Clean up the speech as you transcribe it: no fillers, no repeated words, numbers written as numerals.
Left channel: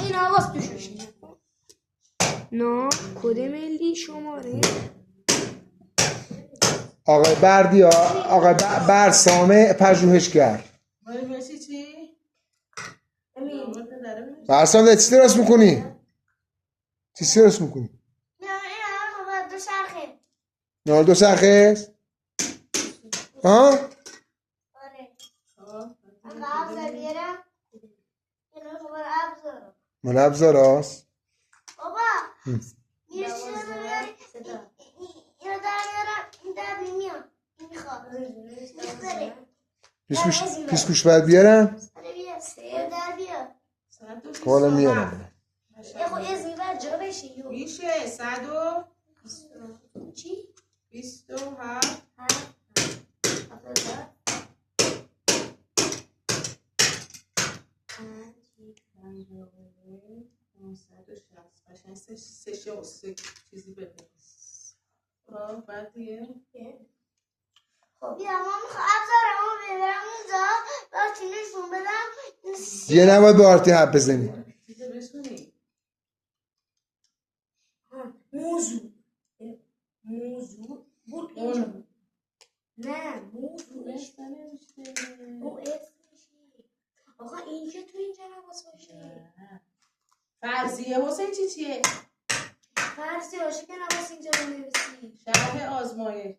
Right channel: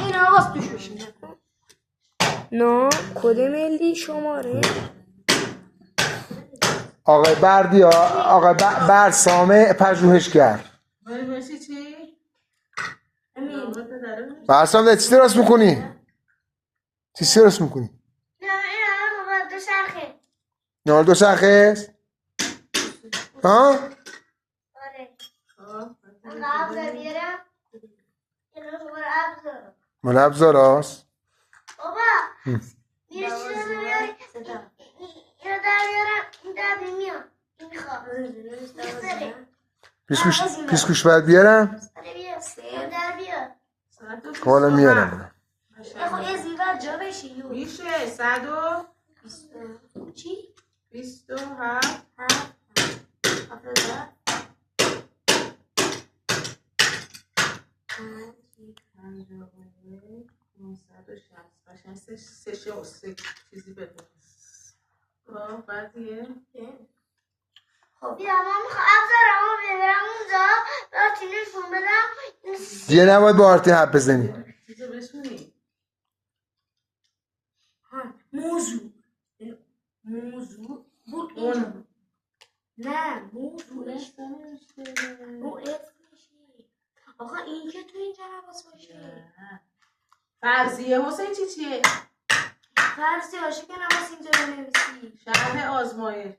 این آواز توش بشینه. نه کد ملی شماره آقای بردیا، آقای برسام پژوهشگر. برسی چی؟ برسام ده چی درست میکنی؟ چی درست میکنی؟ نه این دو شرخه. نه دو شرخه است؟ ها؟ آره. من ابزار بیارم. اینو شماره ابزار. مال ابزار هست؟ بابا میره چی رو بیاری؟ اینو در بیارم. این در بیمیام. این خواب. پیسکوش باید بیارم؟ آره بیا. در بیار. حالا میارم. خب یه زیور جا بشی. میشه 100 چی؟ 27 560 چیزی بده. خب بعدیه خب بیا ما میخوام ابزارمو ببرم اونجا براتون نشون بدم. دیگه نباید با آرتی حرف بزنی. چیزو بشونی. موضوع بود اون. نه موضوعش او اسمشی. آقا این که تو اینجا نباس باشه. فرضیه حسین چیه؟ فرضی باشه که نباس اینجا بنویسی. شرح آزمایش